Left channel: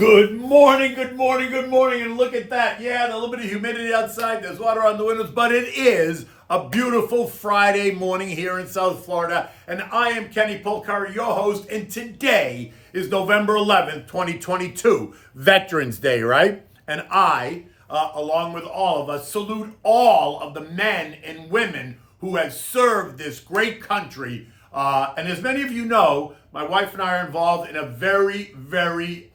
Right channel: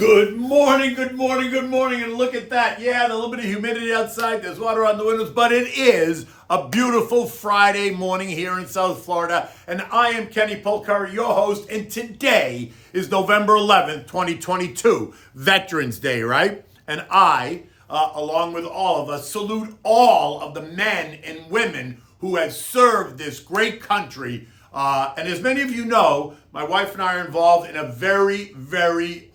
Good morning, good morning, good morning. And look at that. Yeah, a little bit of humidity outside. There's water on the windows, but it is a beautiful Friday morning here in South Florida. And I am Kenny Polcari, your host. And today is November 11th, 2022, Veterans Day, right? And I, along with all of us, salute all of the men and women who have served this great country. And as many of you know, my wife and I are involved in a very, very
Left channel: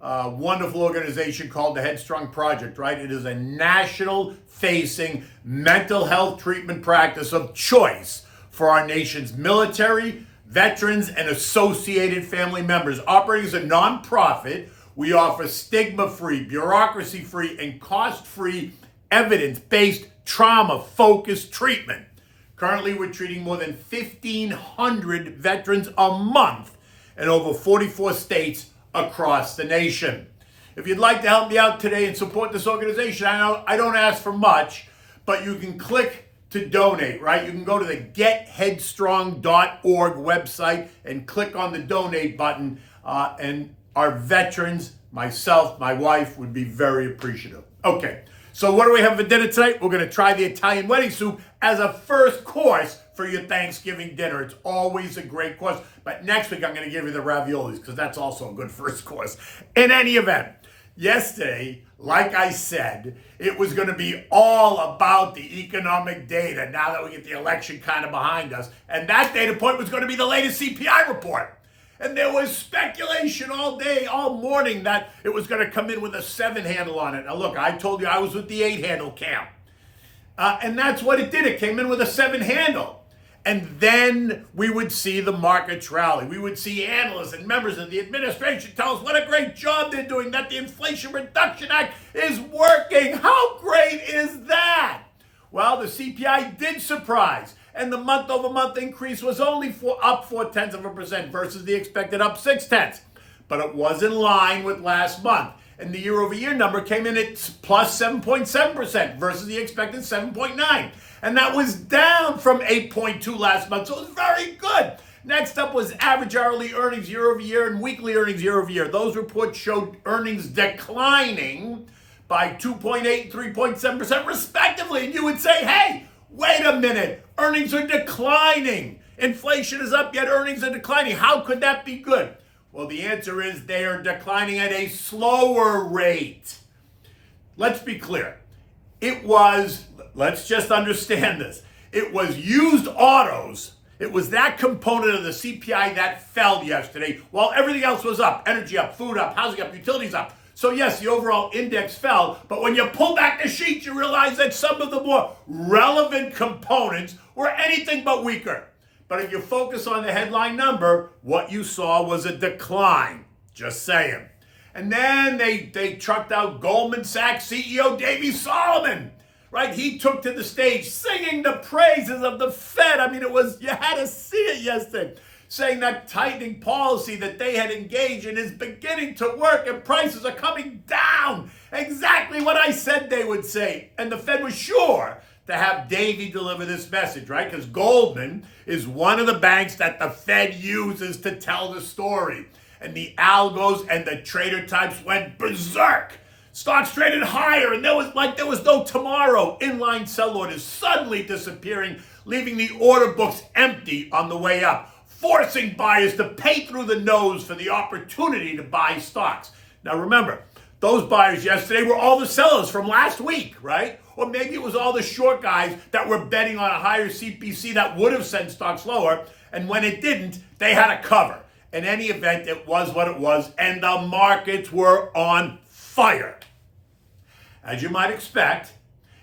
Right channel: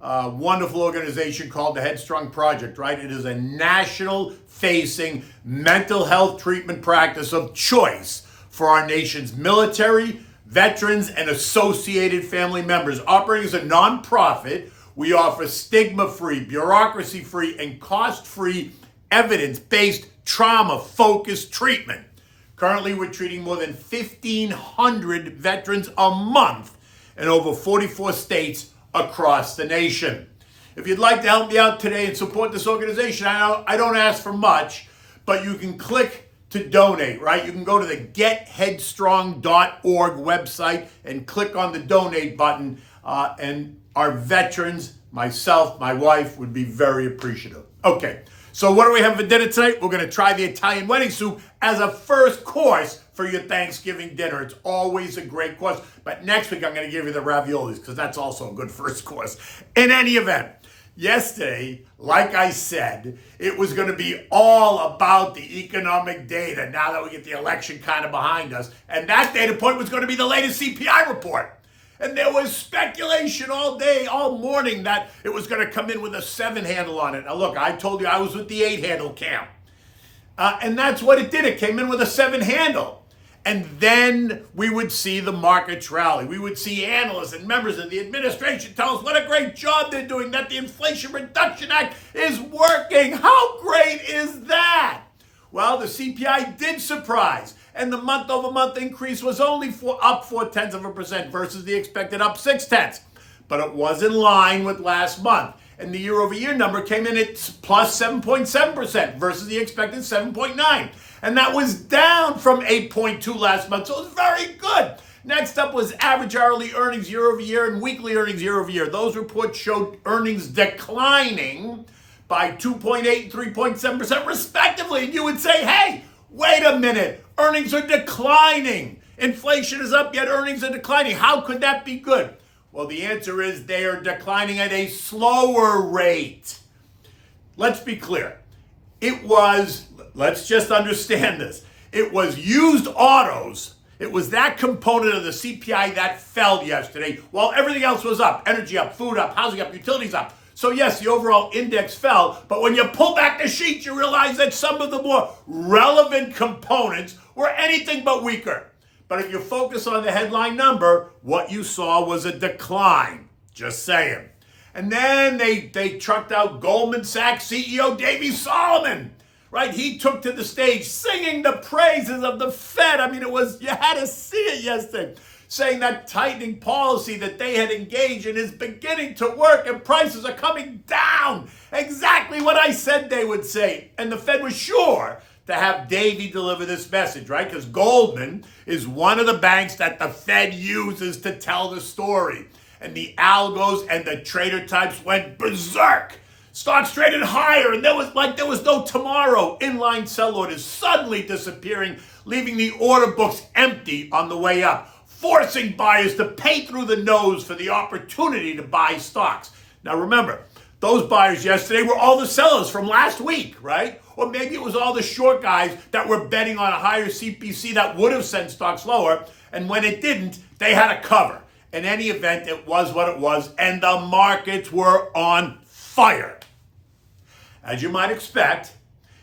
wonderful organization called the Headstrong Project, right? It is a national-facing mental health treatment practice of choice for our nation's military, veterans, and associated family members. Operating as a nonprofit, we offer stigma-free, bureaucracy-free, and cost-free, evidence-based, trauma-focused treatment. Currently, we're treating more than 1,500 veterans a month in over 44 states across the nation. If you'd like to help me out today and support this organization, I know I don't ask for much, but you can click to donate, right? You can go to the getheadstrong.org website and click on the donate button, and our veterans, myself, my wife, would be very appreciative. Okay, so what do we have for dinner tonight? We're going to try the Italian wedding soup as a first course for your Thanksgiving dinner. It's always a great course. But next week, I'm going to give you the raviolis because that's also a good first course. In any event, yesterday, like I said, it was going to be all about the economic data now that we get the election kind of behind us. And that data point was going to be the latest CPI report. And there was speculation all day, all morning, that it was going to come in with a 7 handle on it. Now, look, I told you I was with the 8 handle camp. And that's what it did. It came in with a 7 handle. And then we would see the markets rally. We would see analysts and members of the administration tell us what a great job they're doing, that the Inflation Reduction Act is working. How great is that? Well, the CPI did surprise. And the month-over-month increase was only up 0.4% versus the expected up 0.6. But it was in line with last month. And the year-over-year number came in at plus 7.7% versus the expected 7.9%. And that was down from 8.2% last month, so it was very good. Next up was average hourly earnings year-over-year and weekly earnings year-over-year. Those reports showed earnings declining by 2.8% and 3.7% respectively. And you would say, hey, wait a minute, earnings are declining. Inflation is up, yet earnings are declining. How could that be good? Well, the answer is they are declining at a slower rate. Let's be clear. Let's just understand this. It was used autos. It was that component of the CPI that fell yesterday while everything else was up. Energy up, food up, housing up, utilities up. So yes, the overall index fell, but when you pull back the sheet, you realize that some of the more relevant components were anything but weaker. But if you focus on the headline number, what you saw was a decline. Just saying. And then they trucked out Goldman Sachs CEO Davey Solomon, right? He took to the stage singing the praises of the Fed. I mean, you had to see it yesterday, saying that tightening policy that they had engaged in is beginning to work and prices are coming down. Exactly what I said they would say. And the Fed was sure to have Davey deliver this message, right? Because Goldman is one of the banks that the Fed uses to tell the story. And the algos and the trader types went berserk. Stocks traded higher, and there was no tomorrow. Inline sell orders suddenly disappearing, leaving the order books empty on the way up, forcing buyers to pay through the nose for the opportunity to buy stocks. Now remember, those buyers yesterday were all the sellers from last week, right? Or maybe it was all the short guys that were betting on a higher CPC that would have sent stocks lower, and when it didn't, they had a cover. In any event, it was what it was, and the markets were on fire. As you might expect,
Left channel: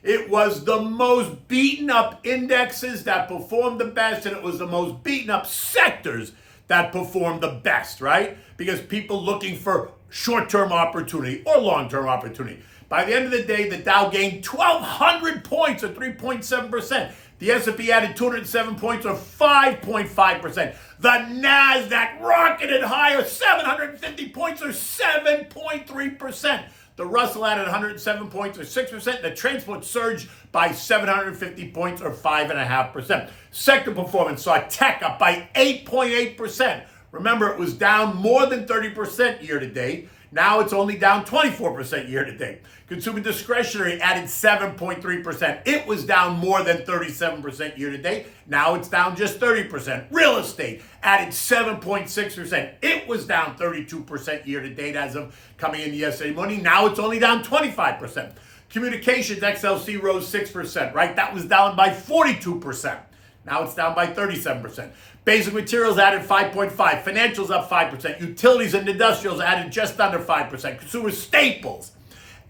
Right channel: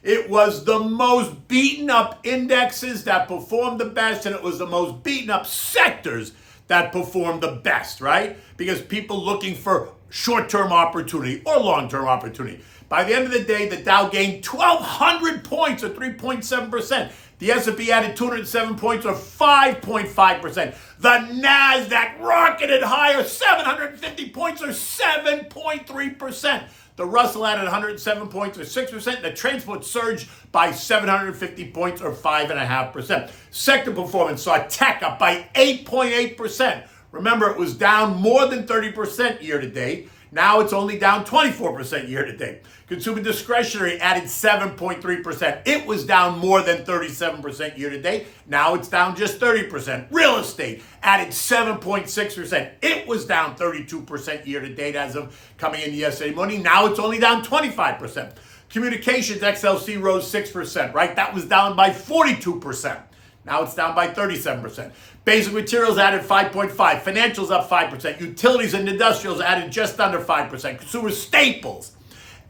it was the most beaten up indexes that performed the best, and it was the most beaten up sectors that performed the best, right? Because people looking for short-term opportunity or long-term opportunity. By the end of the day, the Dow gained 1,200 points or 3.7%. The S&P added 207 points or 5.5%. The NASDAQ rocketed higher, 750 points or 7.3%. The Russell added 107 points or 6%. The transport surged by 750 points or 5.5%. Sector performance saw tech up by 8.8%. Remember, it was down more than 30% year to date. Now it's only down 24% year to date. Consumer discretionary added 7.3%. It was down more than 37% year to date. Now it's down just 30%. Real estate added 7.6%. It was down 32% year to date as of coming in yesterday morning. Now it's only down 25%. Communications XLC rose 6%, right? That was down by 42%. Now it's down by 37%. Basic materials added 5.5%. Financials up 5%. Utilities and industrials added just under 5%. Consumer staples,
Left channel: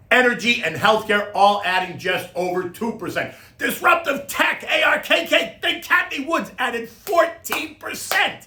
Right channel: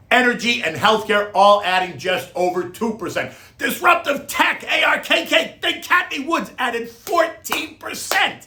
energy, and healthcare all adding just over 2%. Disruptive tech, ARKK, think Kathy Woods added 14%.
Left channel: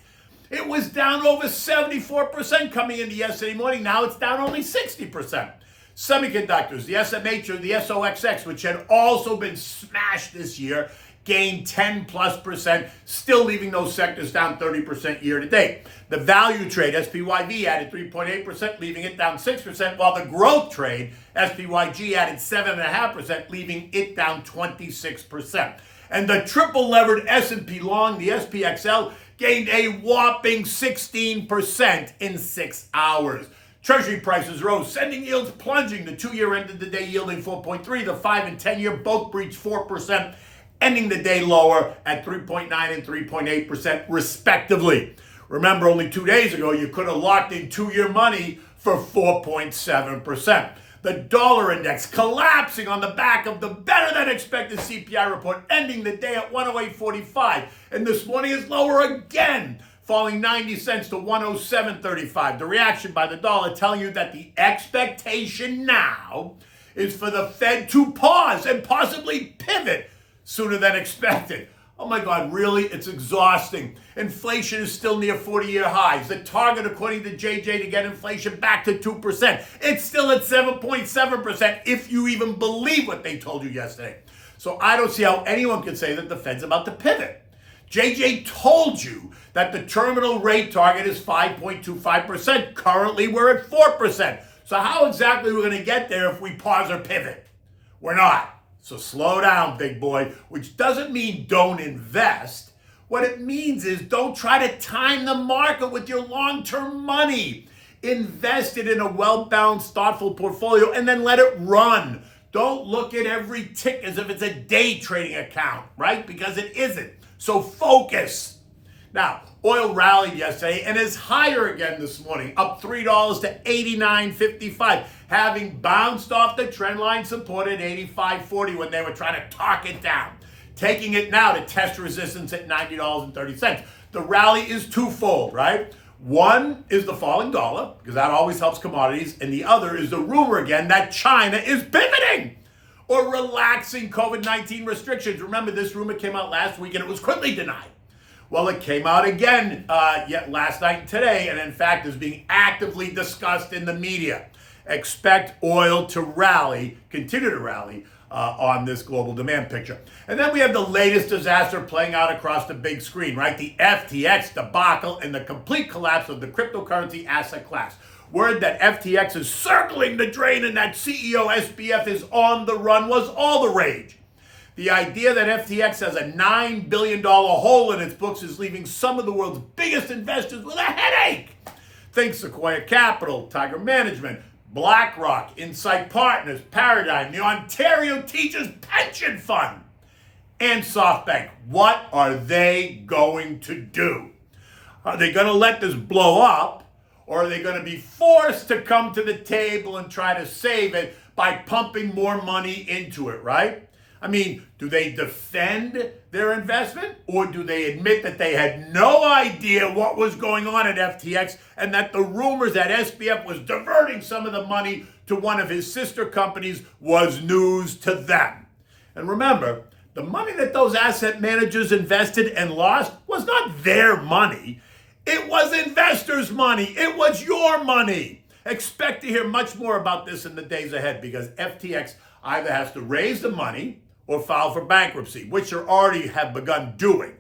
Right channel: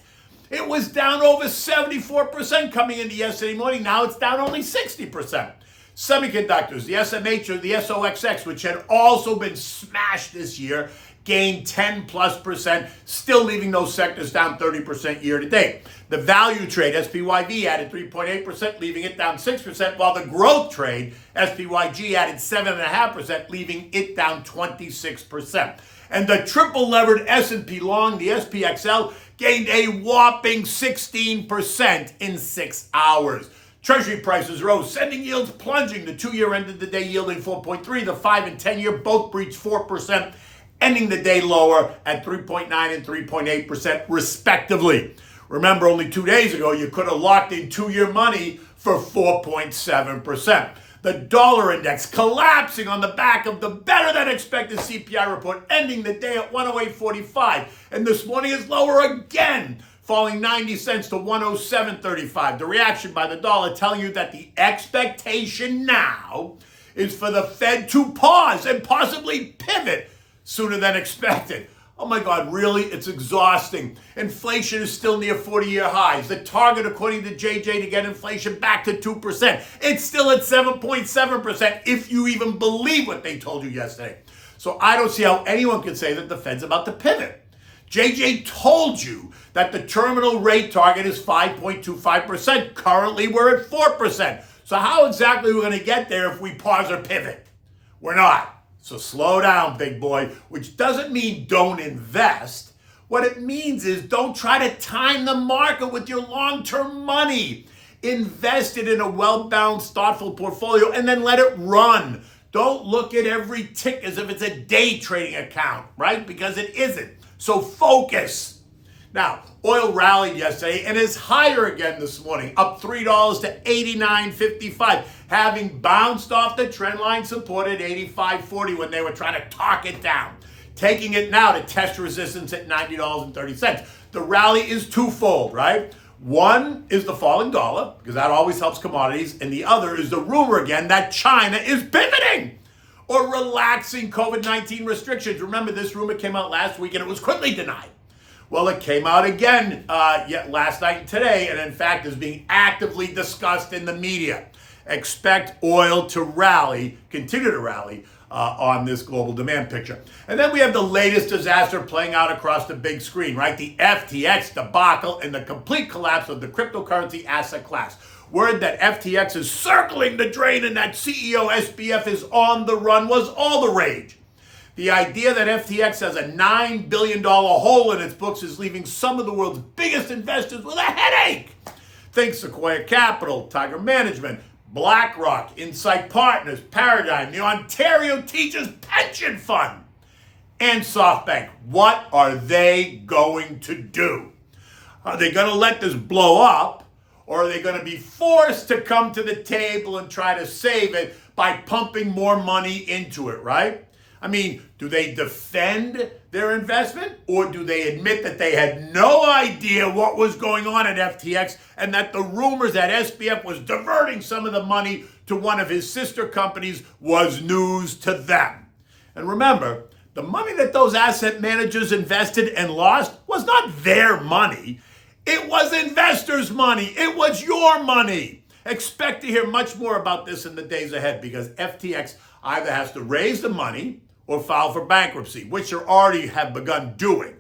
It was down over 74% coming into yesterday morning. Now it's down only 60%. Semiconductors, the SMH or the SOXX, which had also been smashed this year, gained 10+%, still leaving those sectors down 30% year to date. The value trade, SPYV, added 3.8%, leaving it down 6%, while the growth trade, SPYG, added 7.5%, leaving it down 26%. And the triple levered S&P long, the SPXL, gained a whopping 16% in 6 hours. Treasury prices rose, sending yields plunging. The 2-year ended the day yielding 4.3. The 5 and 10-year both breached 4%, ending the day lower at 3.9 and 3.8% respectively. Remember, only 2 days ago, you could have locked in 2-year money for 4.7%. The dollar index collapsing on the back of the better-than-expected CPI report, ending the day at 108.45. And this morning is lower again, falling 90 cents to 107.35. The reaction by the dollar telling you that the expectation now is for the Fed to pause and possibly pivot sooner than expected. Oh my God, really? It's exhausting. Inflation is still near 40-year highs. The target, according to JJ, to get inflation back to 2%. It's still at 7.7% if you even believe what they told you yesterday. So I don't see how anyone can say that the Fed's about to pivot. JJ told you that the terminal rate target is 5.25%. Currently, we're at 4%. So how exactly are we going to get there if we pause or pivot? We're not. So slow down, big boy, which doesn't mean don't invest. What it means is don't try to time the market with your long-term money. Invest it in a well-balanced, thoughtful portfolio and then let it run. Don't look at every tick as if it's a day trading account, right? Because it isn't. So focus. Now, oil rallied yesterday and is higher again this morning, up $3 to $89.55, having bounced off the trend line support at $85.40 when they were trying to talk it down, taking it now to test resistance at $90.30. The rally is twofold, right? One is the falling dollar, because that always helps commodities, and the other is the rumor again that China is pivoting or relaxing COVID-19 restrictions. Remember, this rumor came out last week and it was quickly denied. Well, it came out again last night and today, and in fact is being actively discussed in the media. Expect oil to rally, continue to rally on this global demand picture. And then we have the latest disaster playing out across the big screen, right? The FTX debacle and the complete collapse of the cryptocurrency asset class. Word that FTX is circling the drain and that CEO SBF is on the run was all the rage. The idea that FTX has a $9 billion hole in its books is leaving some of the world's biggest investors with a headache. Think Sequoia Capital, Tiger Management, BlackRock, Insight Partners, Paradigm, the Ontario Teachers Pension Fund, and SoftBank. What are they going to do? Are they going to let this blow up, or are they going to be forced to come to the table and try to save it by pumping more money into it, right? I mean, do they defend their investment, or do they admit that they had no idea what was going on at FTX and that the rumors that SBF was diverting some of the money to one of his sister companies was news to them? And remember, the money that those asset managers invested and lost was not their money. It was investors' money. It was your money. Expect to hear much more about this in the days ahead, because FTX either has to raise the money or file for bankruptcy, which they already have begun doing.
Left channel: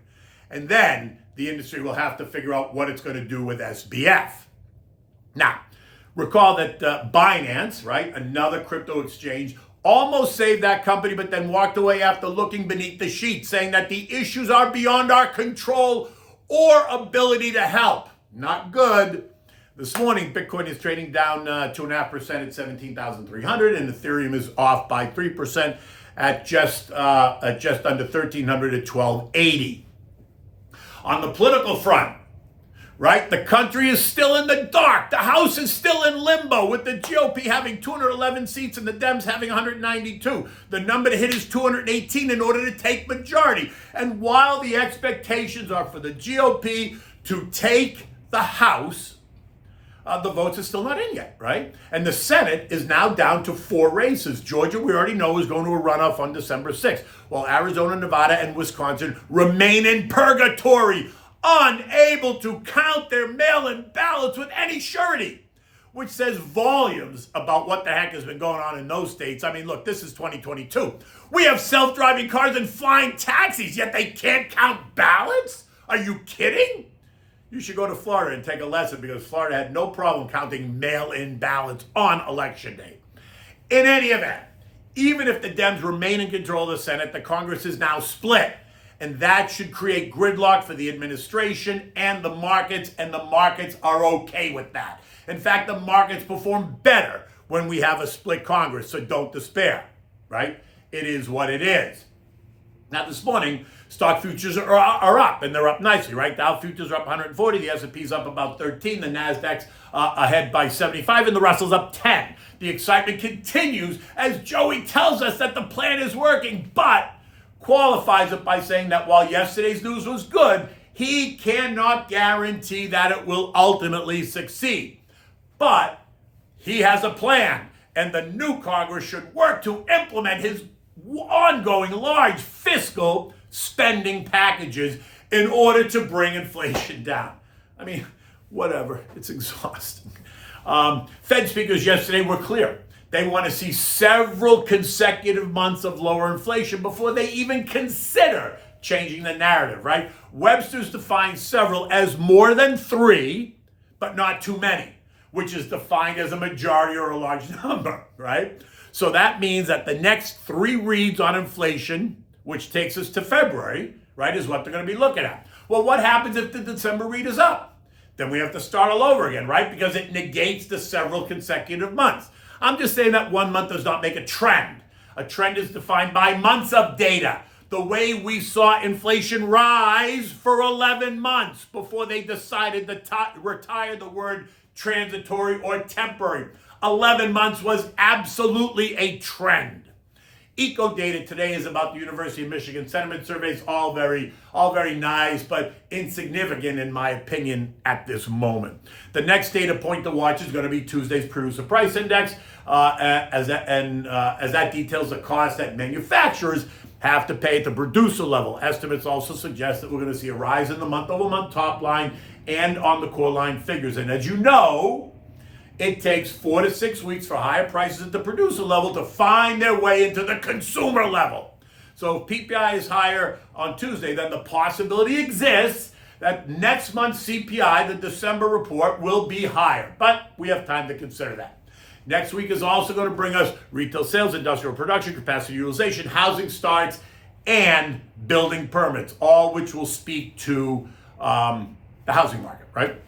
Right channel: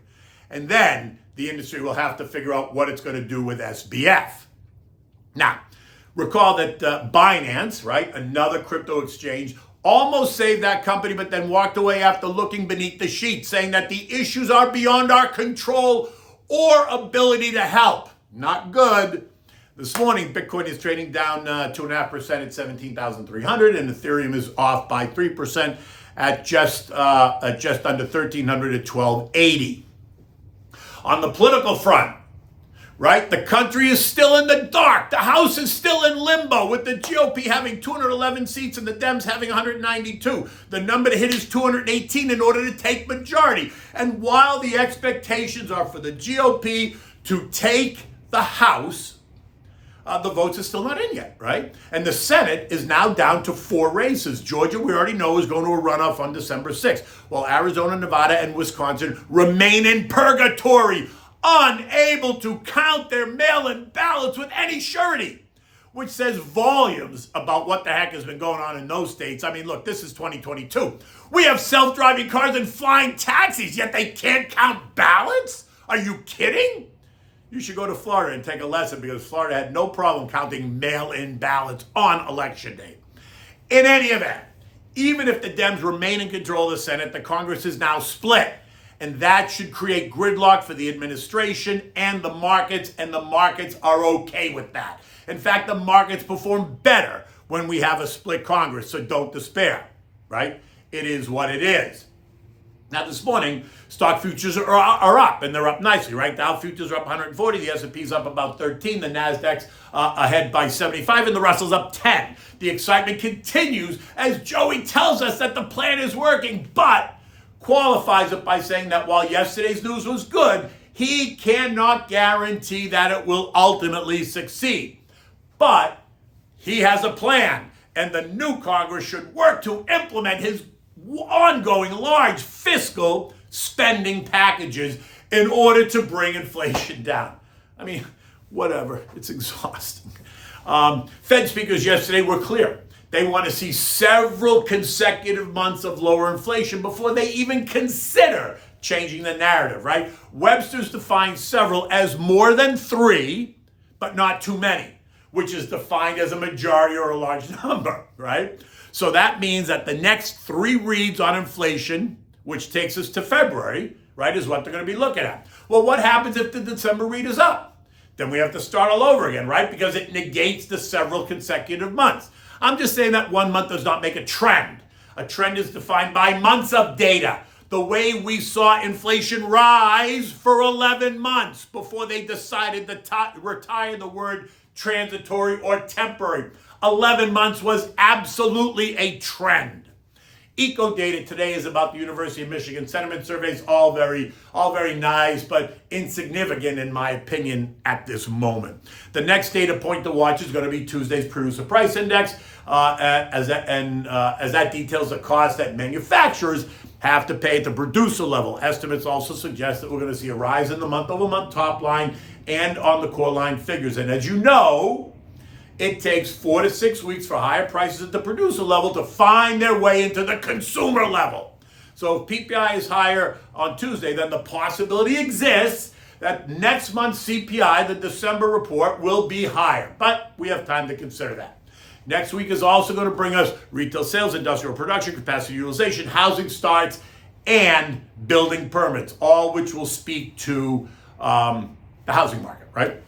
And then the industry will have to figure out what it's going to do with SBF. Now, recall that Binance, right, another crypto exchange, almost saved that company, but then walked away after looking beneath the sheets, saying that the issues are beyond our control or ability to help. Not good. This morning, Bitcoin is trading down 2.5% at 17,300, and Ethereum is off by 3% at just under 1,300 at 1,280. On the political front, right, the country is still in the dark. The House is still in limbo, with the GOP having 211 seats and the Dems having 192. The number to hit is 218 in order to take majority. And while the expectations are for the GOP to take the House, the votes are still not in yet, right? And the Senate is now down to 4 races. Georgia, we already know, is going to a runoff on December 6th, while Arizona, Nevada, and Wisconsin remain in purgatory, unable to count their mail-in ballots with any surety, which says volumes about what the heck has been going on in those states. I mean, look, this is 2022. We have self-driving cars and flying taxis, yet they can't count ballots? Are you kidding? You should go to Florida and take a lesson, because Florida had no problem counting mail-in ballots on election day. In any event, even if the Dems remain in control of the Senate, the Congress is now split. And that should create gridlock for the administration and the markets are okay with that. In fact, the markets perform better when we have a split Congress, so don't despair, right? It is what it is. Now, this morning, stock futures are up, and they're up nicely, right? Dow futures are up 140, the S&P's up about 13, the Nasdaq's ahead by 75, and the Russell's up 10. The excitement continues as Joey tells us that the plan is working, but qualifies it by saying that while yesterday's news was good, he cannot guarantee that it will ultimately succeed. But he has a plan, and the new Congress should work to implement his ongoing large fiscal spending packages in order to bring inflation down. I mean, whatever. It's exhausting. Fed speakers yesterday were clear. They want to see several consecutive months of lower inflation before they even consider changing the narrative, right? Webster's defines several as more than 3, but not too many, which is defined as a majority or a large number, right? So that means that the next 3 reads on inflation, which takes us to February, right, is what they're going to be looking at. Well, what happens if the December read is up? Then we have to start all over again, right? Because it negates the several consecutive months. I'm just saying that 1 month does not make a trend. A trend is defined by months of data. The way we saw inflation rise for 11 months before they decided to retire the word transitory or temporary. 11 months was absolutely a trend. Eco data today is about the University of Michigan sentiment surveys, all very nice, but insignificant in my opinion at this moment. The next data point to watch is going to be Tuesday's producer price index, as that details the cost that manufacturers have to pay at the producer level. Estimates also suggest that we're going to see a rise in the month-over-month top line and on the core line figures. And as you know, it takes 4 to 6 weeks for higher prices at the producer level to find their way into the consumer level. So if PPI is higher on Tuesday, then the possibility exists that next month's CPI, the December report, will be higher. But we have time to consider that. Next week is also going to bring us retail sales, industrial production, capacity utilization, housing starts, and building permits, all which will speak to the housing market, right?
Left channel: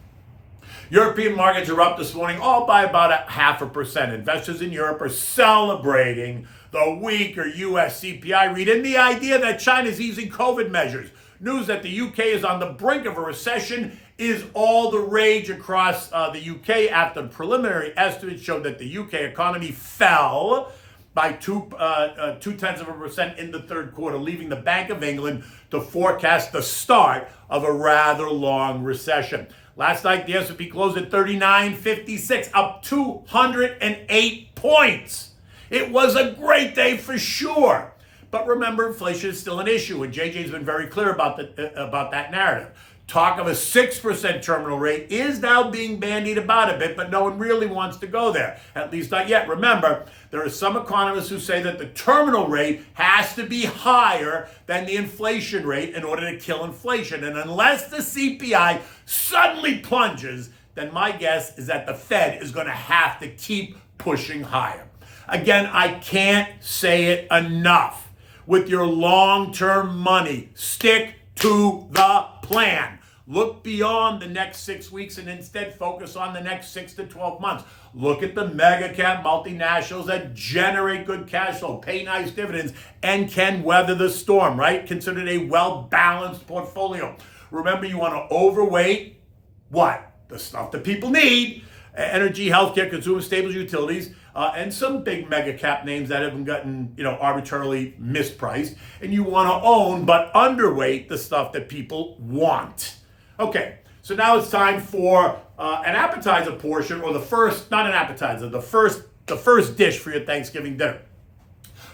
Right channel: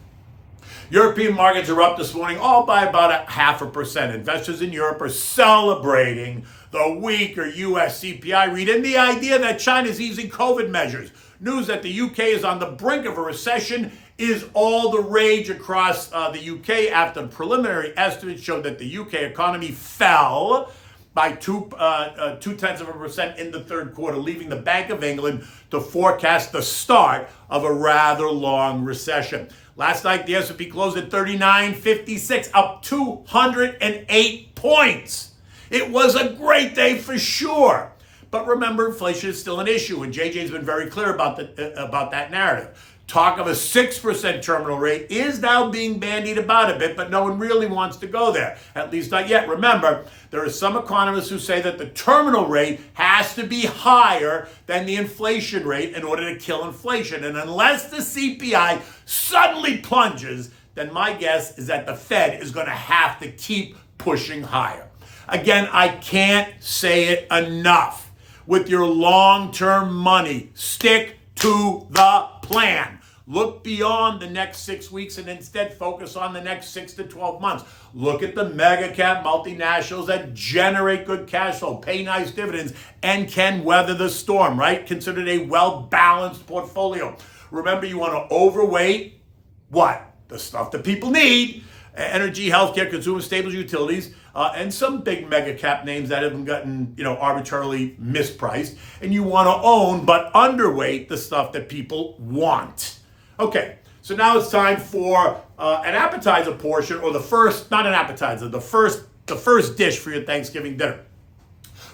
European markets are up this morning, all by about 0.5%. Investors in Europe are celebrating the weaker U.S. CPI read and the idea that China is easing COVID measures. News that the UK is on the brink of a recession is all the rage across the UK after the preliminary estimates showed that the UK economy fell by 0.2% in the third quarter, leaving the Bank of England to forecast the start of a rather long recession. Last night, the S&P closed at 39.56, up 208 points. It was a great day for sure. But remember, inflation is still an issue, and JJ's been very clear about that narrative. Talk of a 6% terminal rate is now being bandied about a bit, but no one really wants to go there, at least not yet. Remember, there are some economists who say that the terminal rate has to be higher than the inflation rate in order to kill inflation. And unless the CPI suddenly plunges, then my guess is that the Fed is going to have to keep pushing higher. Again, I can't say it enough. With your long-term money, stick to the plan. Look beyond the next 6 weeks and instead focus on the next 6 to 12 months. Look at the mega cap multinationals that generate good cash flow, pay nice dividends, and can weather the storm, right? Considered a well-balanced portfolio. Remember, you want to overweight what? The stuff that people need. Energy, healthcare, consumer staples, utilities, and some big mega cap names that haven't gotten, arbitrarily mispriced. And you want to own, but underweight the stuff that people want. Okay, so now it's time for an appetizer portion, or not an appetizer, the first dish for your Thanksgiving dinner.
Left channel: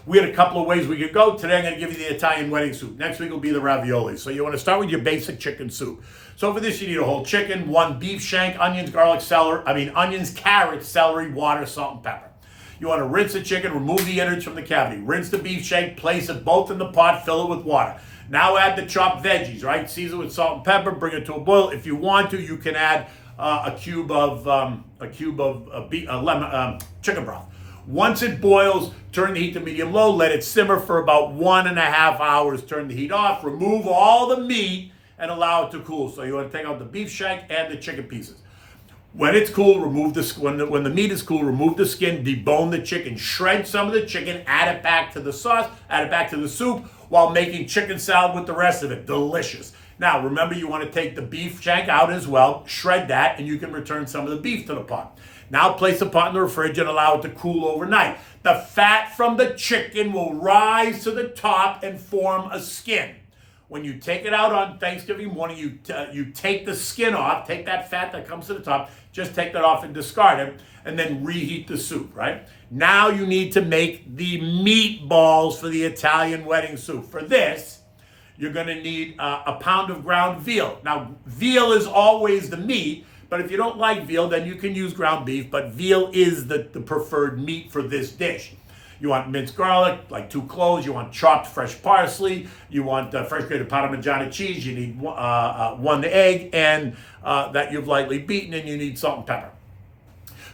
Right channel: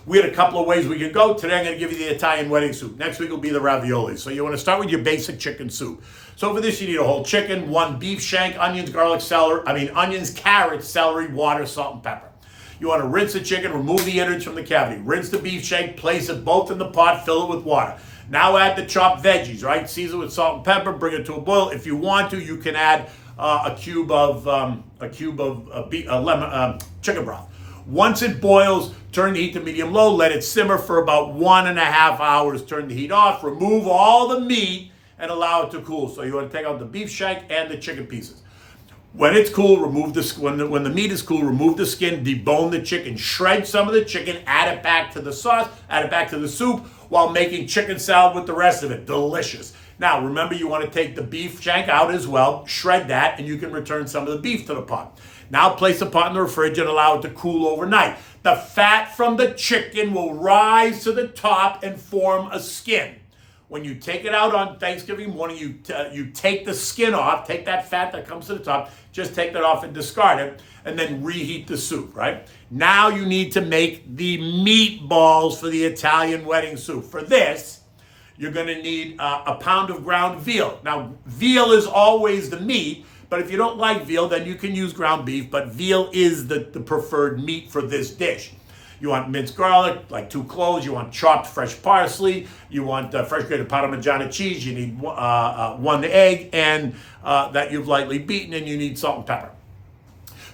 We had a couple of ways we could go. Today I'm going to give you the Italian wedding soup. Next week will be the ravioli. So you want to start with your basic chicken soup. So for this you need a whole chicken, 1 beef shank, onions, carrots, celery, water, salt, and pepper. You want to rinse the chicken, remove the innards from the cavity. Rinse the beef shank, place it both in the pot, fill it with water. Now add the chopped veggies, right? Season with salt and pepper, bring it to a boil. If you want to, you can add a cube of chicken broth. Once it boils, turn the heat to medium-low. Let it simmer for about 1.5 hours. Turn the heat off. Remove all the meat and allow it to cool. So you want to take out the beef shank and the chicken pieces. When it's cool, remove when the meat is cool, remove the skin, debone the chicken, shred some of the chicken, add it back to the sauce, add it back to the soup while making chicken salad with the rest of it. Delicious. Now, remember, you want to take the beef shank out as well, shred that, and you can return some of the beef to the pot. Now place the pot in the fridge and allow it to cool overnight. The fat from the chicken will rise to the top and form a skin. When you take it out on Thanksgiving morning, you take the skin off, take that fat that comes to the top, just take that off and discard it, and then reheat the soup, right? Now you need to make the meatballs for the Italian wedding soup. For this, you're going to need a pound of ground veal. Now, veal is always the meat, but if you don't like veal, then you can use ground beef, but veal is the preferred meat for this dish. You want minced garlic, like 2 cloves. You want chopped fresh parsley. You want fresh grated Parmigiano cheese. You need 1 egg and that you've lightly beaten, and you need salt and pepper.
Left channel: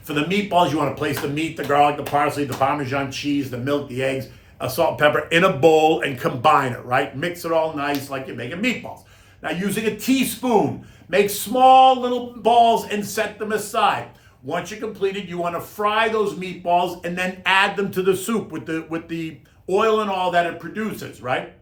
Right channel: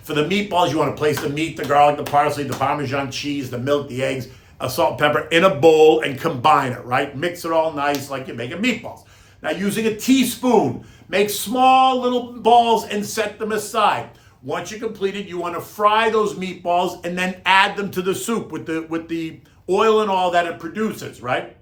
For the meatballs, you want to place the meat, the garlic, the parsley, the Parmesan cheese, the milk, the eggs, salt and pepper in a bowl and combine it, right? Mix it all nice like you're making meatballs. Now, using a teaspoon, make small little balls and set them aside. Once you're completed, you want to fry those meatballs and then add them to the soup with the oil and all that it produces, right?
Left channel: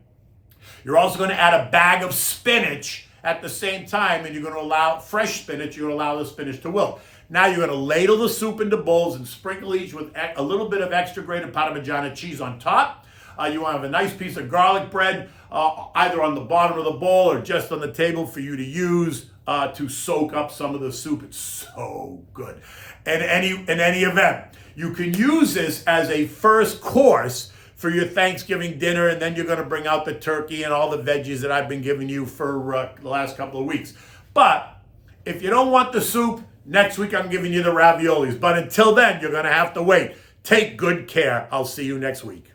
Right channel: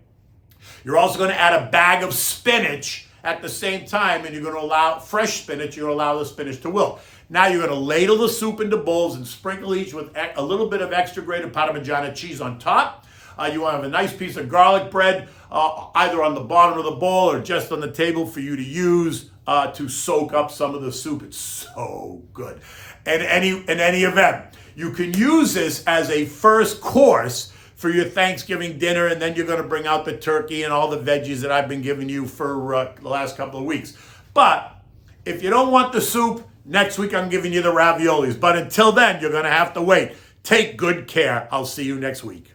You're also going to add a bag of spinach at the same time, and you're going to allow fresh spinach. You're going to allow the spinach to wilt. Now you're going to ladle the soup into bowls and sprinkle each with a little bit of extra grated Parmigiano cheese on top. You want to have a nice piece of garlic bread either on the bottom of the bowl or just on the table for you to use to soak up some of the soup. It's so good. In any event, you can use this as a first course for your Thanksgiving dinner, and then you're going to bring out the turkey and all the veggies that I've been giving you for the last couple of weeks. But if you don't want the soup, next week I'm giving you the raviolis. But until then, you're going to have to wait. Take good care. I'll see you next week.